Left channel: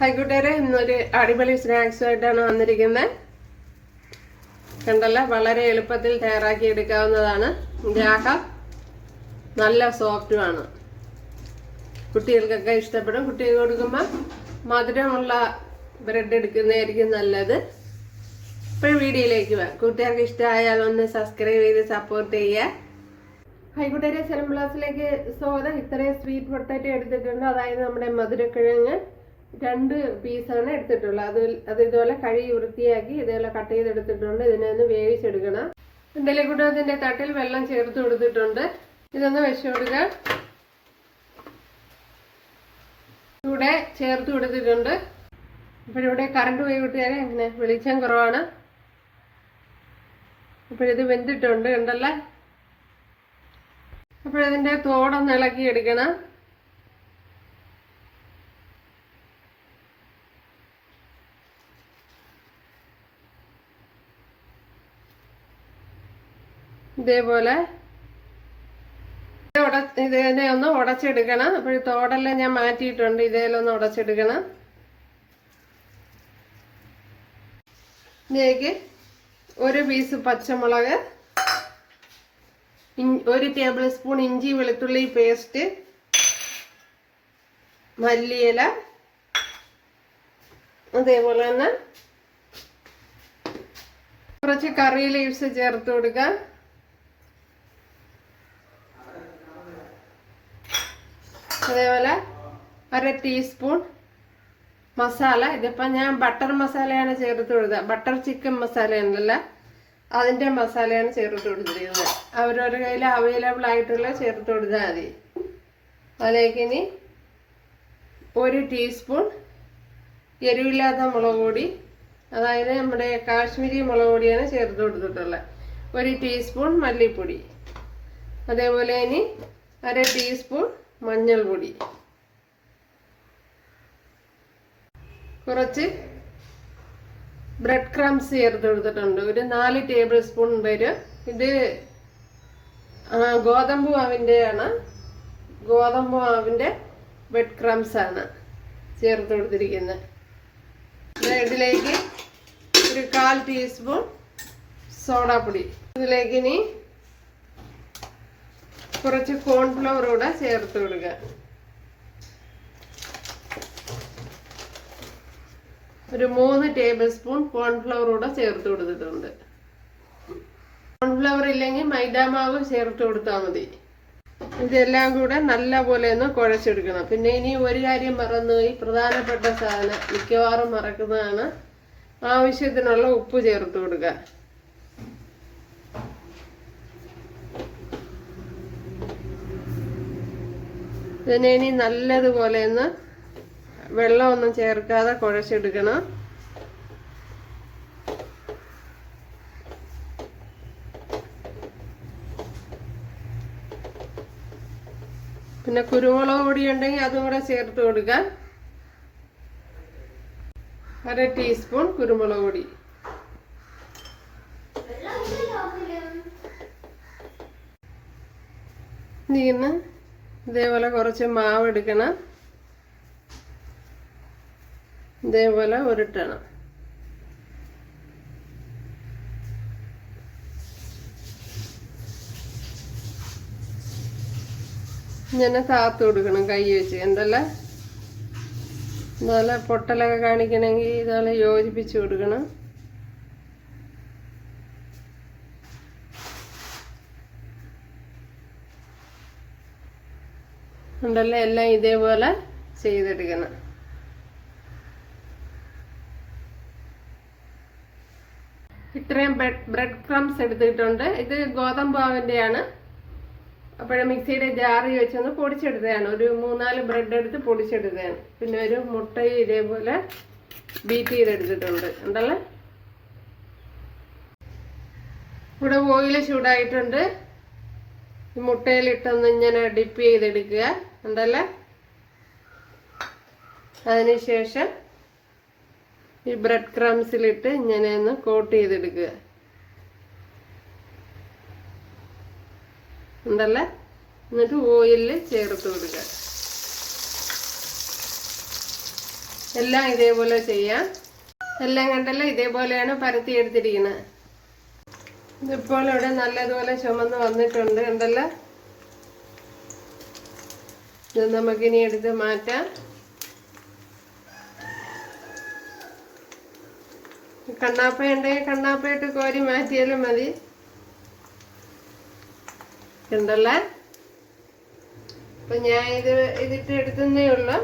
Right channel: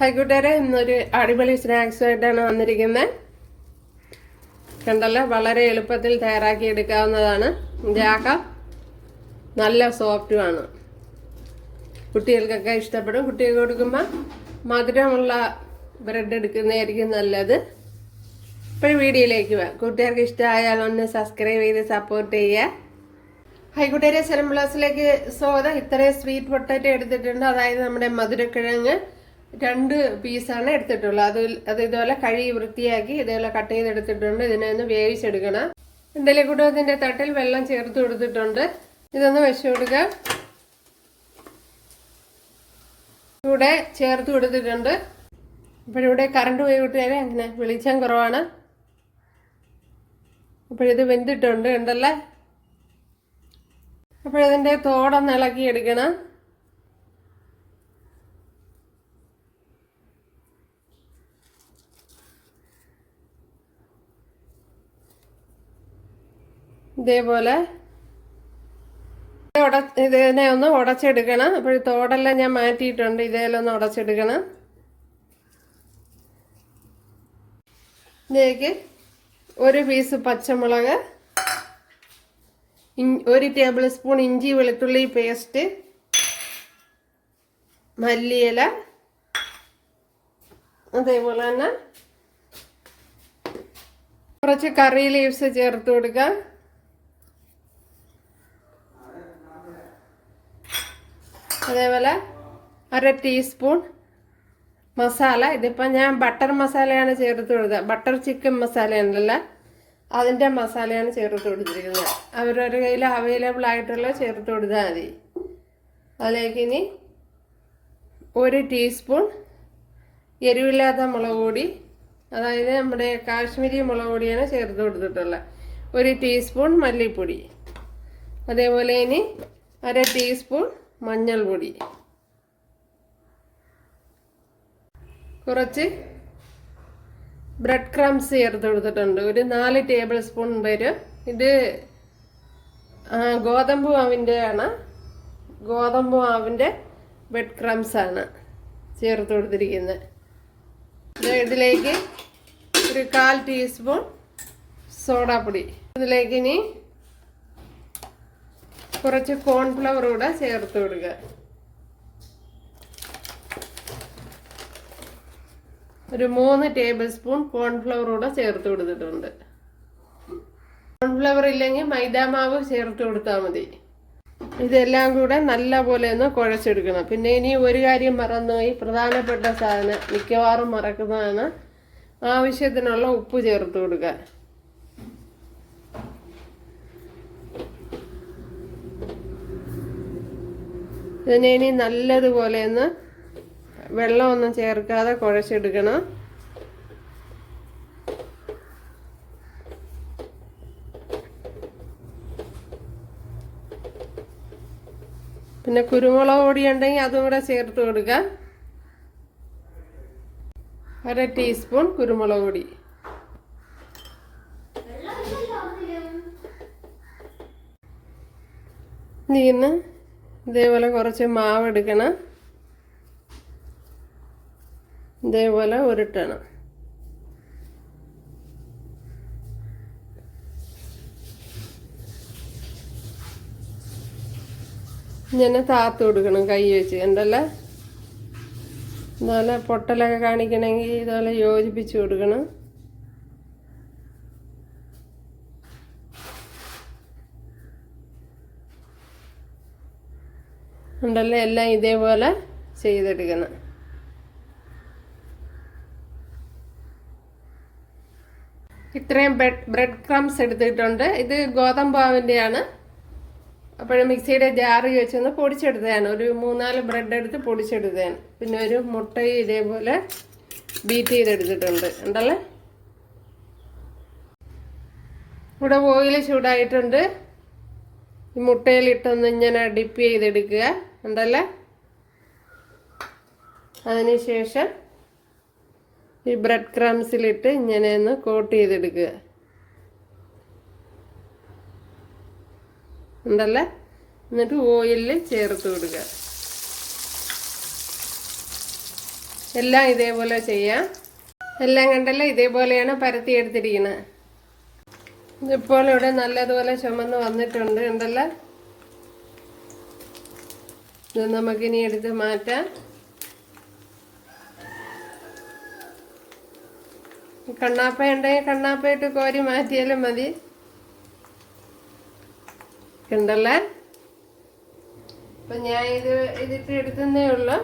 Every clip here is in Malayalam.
ഹൈക്കൂട്ടേരെ ഇന്നൊരു അടിപൊളി സ്നാക്സ് ആയിട്ടാണ് വന്നിരിക്കുന്നത്. കണ്ടല്ലേ, വളരെ എളുപ്പത്തിൽ തയ്യാറാക്കി എടുക്കാവുന്നതാണ്. ഇതാക്ക നല്ല സോഫ്റ്റുമാണ്. കുട്ടികൾക്കൊക്കെ ഇഷ്ടപ്പെടും. കുട്ടികൾക്ക് കൊടുക്കുമ്പോൾ മധുരമുള്ള ബ്രെഡ് എടുക്കുന്നതായിരിക്കും നല്ലത്. ഇപ്പോൾ വീഡിയോയിലേക്ക് വാ. കൂട്ടുകാർക്ക് ഇഷ്ടമായാൽ ഒന്ന് സബ്സ്ക്രൈബ് ചെയ്ത് സപ്പോർട്ട് ചെയ്യുക. ഹൈക്കൂട്ടേരെ സെറം പ്ലസിലേക്ക് സ്വാഗതം. ഇത്രയും സ്വീറ്റ് പൊട്ടാറ്റോ എടുത്തിട്ടുണ്ട്. അതായത് നമ്മുടെ മധുരക്കിഴങ്ങ് 2 പീസാണ് എടുത്തിട്ടുള്ളത്. അത് ഇതുപോലെ കഴുകി വൃത്തിയാക്കി ഇതുപോലെ കട്ട് ചെയ്തെടുത്തിട്ടുണ്ട്. ഇതിനെ ഒന്ന് വേവിച്ചെടുക്കണം. ഇഡലിക്കുട്ടത്തിന്റെ തട്ടിൽ വെള്ളം ചേർത്ത് കൊടുത്തിട്ടുണ്ട്. ഇതൊന്ന് വെച്ച് കൊടുക്കുക. ഇവിടെ ചേർത്ത് കൊടുത്തിട്ടുണ്ട്. അപ്പോഴിവിടെ കറണ്ട് പോയി കൂട്ടുകാരെ, അങ്ങനെ വെളിച്ചം കുറവാണ്. അപ്പോഴിത് വെന്തിട്ടുണ്ട്, ഉണ്ടല്ലേ. അപ്പോഴതിൻ്റെ തോടൊന്ന് ഇളക്കി എടുക്കണം. ഇതേപോലെ ഇതിനെ ഒന്ന് ഉടച്ചെടുക്കണം. അപ്പോൾ തോടെല്ലാം ഞാൻ മാറ്റിയിട്ടുണ്ട്. ഇതേലും ഒന്ന് ഉടച്ചെടുക്കണം. ഇതിലേക്ക് 1 പീസ് പച്ചമുളക്, 1 ടേബിൾ സ്പൂൺ ഇഞ്ചി വെളുത്തുള്ളി പേസ്റ്റ്, മല്ലിയില, അതേപോലെ തന്നെ കുറച്ച് കറി ലീവ്സ് ചേർത്ത് കൊടുക്കുക. അതേപോലെ 1/2 ടീസ്പൂൺ മസാല. ഇതിപ്പോൾ ഞാൻ ബട്ടർ മസാലയാണ് ചേർത്ത് കൊടുത്തത്. ബട്ടർ ചിക്കൻ മസാല ഉണ്ടല്ലോ, അതിൻ്റെ മസാലയാണ് ചേർത്ത് കൊടുത്തിരിക്കുന്നത്. അവരവരുടെ കയ്യിൽ അവൈലബിൾ ആയിട്ടുള്ള ചേർത്ത് കൊടുത്താൽ മതി. അതിലേക്ക് ഇനി 1 ടീസ്പൂൺ എരിവില്ലാത്ത മുളക് പൊടി, അതായത് നമ്മുടെ കാശ്മീരി മുളക് പൊടിയാണ് ചേർത്ത് കൊടുത്തിട്ടുള്ളത്. 1 ടീസ്പൂൺ മല്ലിപ്പൊടി. അതേപോലെ ഇനി 1/2 ടീസ്പൂൺ മഞ്ഞൾപ്പൊടി, കുറച്ച് ബ്രെഡ് ക്രംസ് ചേർത്ത് കൊടുത്തിട്ടുണ്ട്. ഒരു 4 ടേബിൾ സ്പൂൺ വരും. ഇത് ഗോതമ്പ് മാവിൻ്റെ ബ്രെഡ് ക്രംസ് ആണ് ചേർത്ത് കൊടുത്തിരിക്കുന്നത്. ഇതിലേക്ക് ഒരു 1/4 ടീസ്പൂൺ സോഡാപ്പൊടി. ഇതിലേക്ക് ഇനി കുറച്ച് കോൺഫ്ലവർ കൂടെ ചേർത്ത് കൊടുക്കുക. ഒരു 3 ടേബിൾ സ്പൂൺ കോൺഫ്ലവർ കൂടെ ചേർത്ത് കൊടുത്തിട്ടുണ്ട്. കോൺഫ്ലവർ ഇല്ലെങ്കിൽ മൈദാമാവ് ചേർത്ത് കൊടുത്താൽ മതി. ഇതെല്ലാം കൂടെ നല്ല പോലെ ഒന്ന് കുഴച്ചെടുക്കണം. പിന്നെ ഇനി ഒരു കാര്യം മറന്നുപോയി, പ്രധാനപ്പെട്ട സാധനം മിക്കവാറും മറക്കുന്നതാണ്. ആവശ്യത്തിനുള്ള ഉപ്പ് ചേർത്ത് കൊടുക്കുക. ഇതിനെ ഇനി നല്ലതുപോലെ ഒന്ന് വെള്ളമൊന്നും ചേർക്കാതെ കുഴച്ചെടുക്കണം. പിന്നെ കുരുമുളക് പൊടി ഉണ്ടെങ്കിൽ അതും കൂടെ ചേർത്ത് കൊടുക്കാം. 1/2 ടീസ്പൂൺ കുരുമുളക് പൊടി. ഇന്ന് ഇതേപോലെ കുറച്ച് മാവ് എടുക്കണം. ഇതേപോലെ ഉരുട്ടണം. ഇങ്ങനെ താത്ത് കൊടുക്കണം കൈ വെച്ച്. എന്തല്ല ഇതുപോലെ പൊട്ടലൊക്കെ കാണിക്കണമെങ്കിൽ ഇതുപോലെ യോജിപ്പിച്ച് കൊടുക്കണം. ഉണ്ടല്ലോ, എല്ലാം ഇതേപോലെ ചെയ്തെടുക്കണം. ഇത്രയും ബ്രെഡ് ക്രംസ് എടുത്തിട്ടുണ്ട്. ഇത് ഗോതമ്പ് മാവിൻ്റെയാണ്. അപ്പോഴും മിക്സിയുടെ ജാറി വെച്ചൊന്ന് പൊടിച്ചെടുത്തതാണ്. ഒരു 3-4 ബ്രെഡ് എടുത്ത് പൊടിച്ചെടുത്തതാണ്. പിന്നെ ഒരു മുട്ടയും ഇതേപോലെ ബീറ്റ് ചെയ്തെടുത്തിട്ടുണ്ട്. ഉണ്ടല്ലോ, ഇവിടെ ഓയിൽ ചൂടായിട്ടുണ്ട്. ഈ മുട്ടയിലിട്ടൊന്ന് ഇങ്ങനെ ഡിപ്പ് ചെയ്തെടുക്കുക. ഉണ്ടല്ലോ, അതിനുശേഷം ഈ ബ്രെഡ് ക്രംസിലിട്ട് ഇങ്ങനെ ഒന്ന് കോട്ട് ചെയ്തെടുക്കുക. ഉണ്ടല്ലോ, എന്നിട്ട് ഓയിലിൽ ചേർത്ത് കൊടുക്കുക. എല്ലാം ഇതേപോലെ ചെയ്യാം. എല്ലാം കണ്ടല്ലോ, ഇതേപോലെയാണ് പരത്തി എടുത്തിരിക്കുന്നത്. ഇതിപ്പോൾ ഇവിടെ നല്ലതുപോലെ ചുമന്ന് വന്നിട്ടുണ്ട് കണ്ടല്ലോ. ഇത് നമുക്കിനി എടുത്ത് മാറ്റാം. കണ്ണാപ്പ ഉണ്ടെങ്കിൽ കണ്ണാപ്പയിട്ട് കോരി മാറ്റിയാലും മതി. കണ്ടല്ലേ, അപ്പം ഞാൻ ഇതിട്ട് എടുത്തേ ഉള്ളൂ.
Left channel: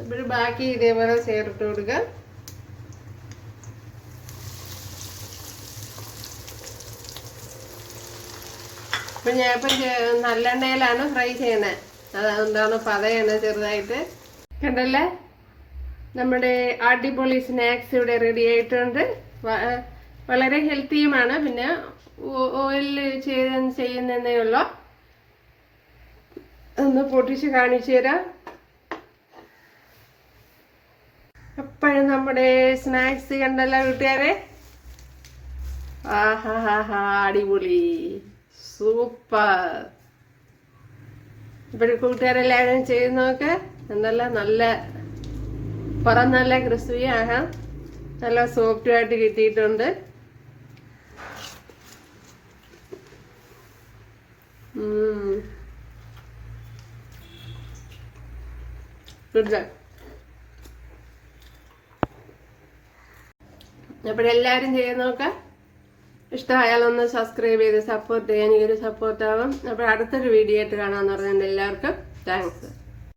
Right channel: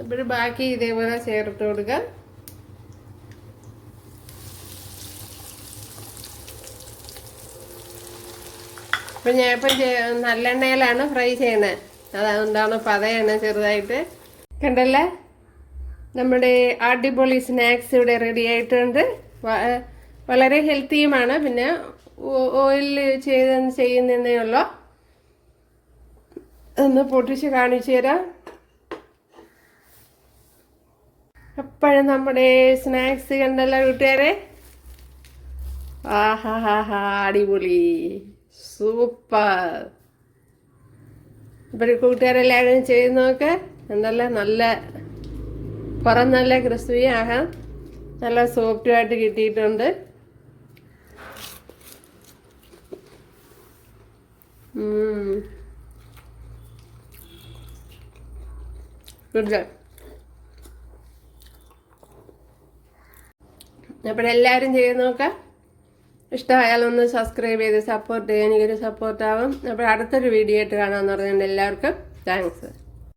അപ്പോൾ ബാക്കി ഇതേപോലെ ചേർത്ത് കൊടുക്കാം. അപ്പം ഞാനിപ്പം നല്ലെണ്ണയിലാണ് ഫ്രൈ ചെയ്യണത്. അതുകൊണ്ടാണ് പതയാണ് ചെറുതായിട്ട്. കണ്ടല്ലേ, നമ്മുടെ അടിപൊളി സ്നാക്സ് ഇവിടെ റെഡി ആയിട്ടുണ്ട്. വളരെ ഹെൽത്തിയുമാണ്. പിന്നെ ഓയിൽ ചെയ്യുന്നതേ ഉള്ളൂ. ഒന്ന് പൊട്ടിച്ച് കാണിച്ചു തരാം. എപ്പോഴും നമ്മുടെ സ്നാക്സ് കണ്ടല്ലോ കൂട്ടുകാരെ. ആഹാ ഹാ ഹാ, അടിപൊളി, സൂപ്പർ. ഇപ്പോഴും കൂട്ടുകാരെല്ലാവരും ചെയ്ത് നോക്ക്. നല്ല പുറം നല്ല ക്രിസ്പി ആകാം. നല്ല സോഫ്റ്റുമായിട്ട് കിട്ടിയിട്ടുണ്ട്. ഗുഡ്. അപ്പോഴെല്ലാവരും ചെയ്ത് നോക്കാം. ഇഷ്ടമായാലൊന്ന് സബ്സ്ക്രൈബ് ചെയ്ത് സപ്പോർട്ട് ചെയ്യാൻ എനിക്കൊരു സപ്പോർട്ടാവും. അപ്പോൾ അടുത്തൊരു വീഡിയോ ആയിട്ട് കാണാമെന്ന് പറഞ്ഞുകൊണ്ട് എല്ലാവർക്കും താങ്ക്സ്.